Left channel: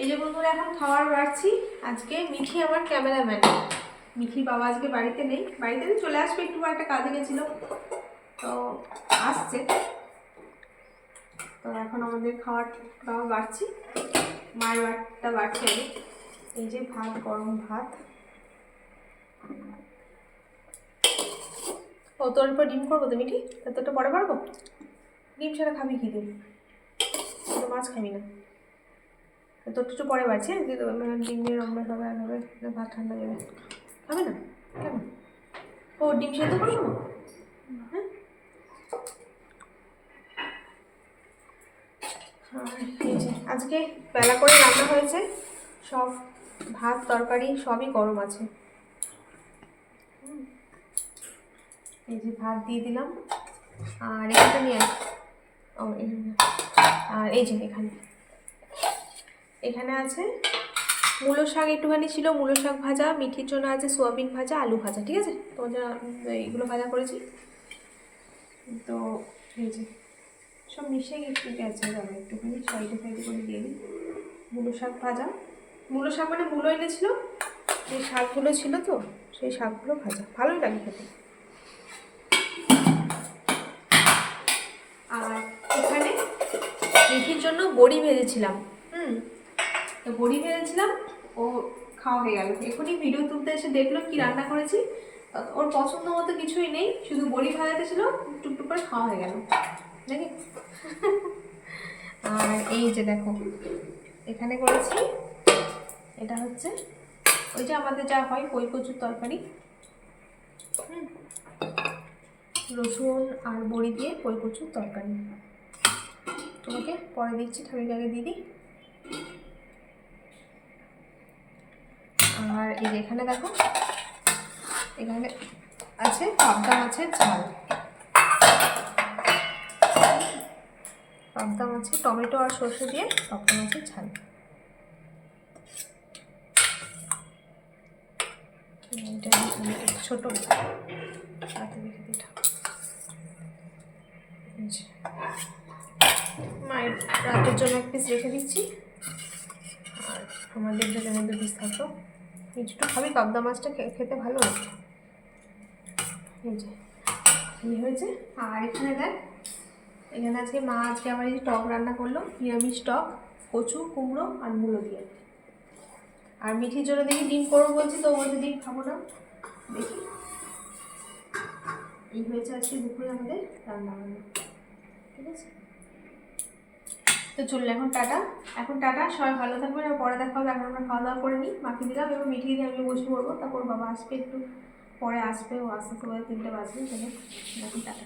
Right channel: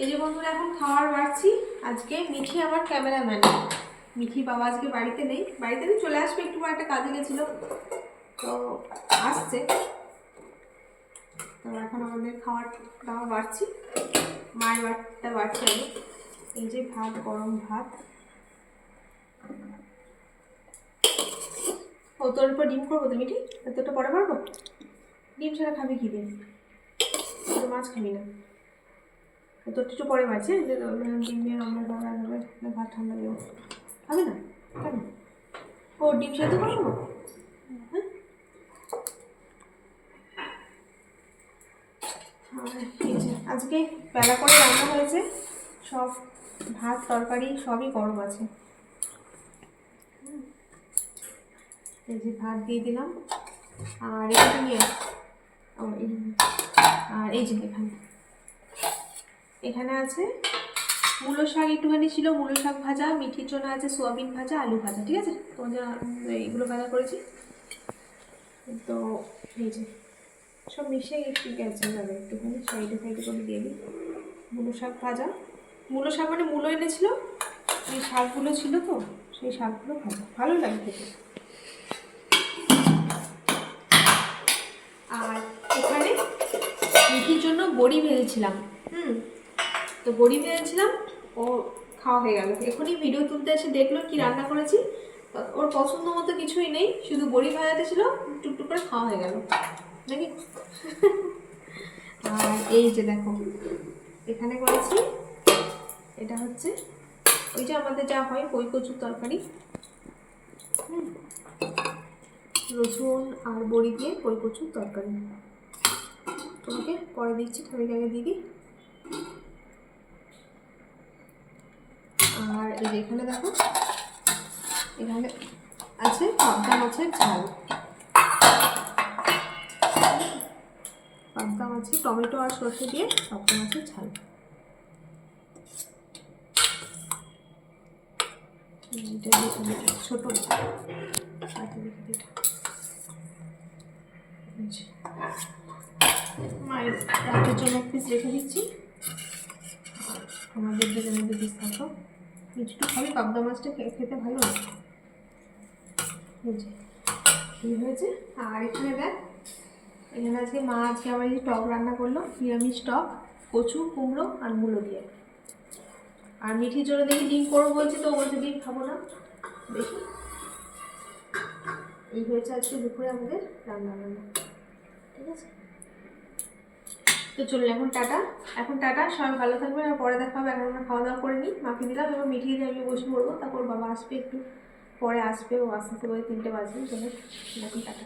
এই যে বন্ধুরা, এখন খাওয়ার বাড়ছি। আজকে মিঠি আমার ক্যামেরাম্যান। মিঠি বাবা আজকে বাড়িতে নেই। বাড়িতে চলে আসবে, একটু একটা কাজে গেছিল। তো আসছে। তো এখন আমাদের খাওয়ার দাবার বাড়ছি। মায়ের বাড়িটা বাড়ছে আমি এই যে ভাত, গরম ভাত। ও তোর উপর ডিম করব তো মিঠি? তোরটা পরে পারব ডিম ছাড়া খাবি কি তো মাছ খাবি না। তোর একটু পরে বাড়ছে যে ডিম দিয়ে হবে আর হবে ভাত ঠান্ডা দেবো। খাবে না? ও ডিম সেদ্ধ করব হ্যাঁ? আজকে বেলা করে রান্না হয়েছে, সব ভাত, তরকারি সবই গরম আছে। এই যে ভাত দিয়ে দিলাম। আর এখানে নিয়ে আর এই যে এখানে। এখানে আছে মূলো শাক, একটুখানি ছিল মূলো শাক ভাজা, মিঠির জন্য আছে সোয়াবিন ভাজা, আলু ভাজা, ঠিক আছে? তোমাদের এইগুলো ভাজা করেছি। তো এই যে, সব মিশিয়ে একটু গেছে যাবে একটুখানি, সাইডে সাইডে করে দিয়ে দিই। মূলো শাক ভাজা। মূলো শাক মানে মূলো এনেছিল, যে শাকগুলো ছিল তো, সেই শাকগুলো ভাজা। ভালোই লাগে খেতে। আর এখানে মিঠির জন্য বড়ি ভেজেছিলাম, হুম? তো বড়ি ভেজেছিলাম ও খাওয়া হয়ে গেল। এখনই ভিডিও তুলতে এসে দেখল কি রান্না করেছি। ওর পছন্দ মতো কিছুই নেই, শুধু বড়ি ভাজাতে ছিল, টুকটুক করে খাওয়া হয়ে গেল। নাকি? আর এই যে দেখো, এখানে করেছি, এটা হচ্ছে ওই যে আমাদের যা হয় কই কচুর তরকারি। হুম, রসুন আর বড়ি দিয়ে কই কচুর তরকারি। তোমাকে পরে দিচ্ছি ঠামিকে আগে দিদি আর এখানে দেখো, এখানে আছে পাবদা মাছের ঝাল। পাবদা মাছের টমেটো আর সর্ষে দিয়ে পাবদা মাছের ঝাল। ছোট। মায়ের রাতের জন্য এক পিস রেখে দিচ্ছি। আমাদের জন্য মধ্যে পিস থাকল। মিষ্টি খাবি, পাবদা মাছটা খেতে ভালো এই হয়েছে? আর এখানে দেখ, এখানে আজকে মা আজকে আমার এই টক রান্না করল, নিরামিষ টক, কচু, কুমড়ো আর মূলো দিয়ে। আর মিঠির জন্য দেখি ডিম করব বলছি, তো বলছে ডিম খাব না। দেখি। এই হয়েছে আজকে দুপুরে আমাদের রান্না বান্না ঠিক আছে? তো চলুন, এখন টাটা। এখন টাটা, সবাই ভালো থাকবেন আর পরে দেখা হবে। এখন আমরা খাওয়া দাওয়া করে নিই মাকে দিলাম এবার মিঠিয়ে দিয়ে আমি বসে পড়ব। তারপর বাবা আসবে একটু, পরে আসবে, ও আসতে করে তিনটে বাজবে চলে এখন টাটা।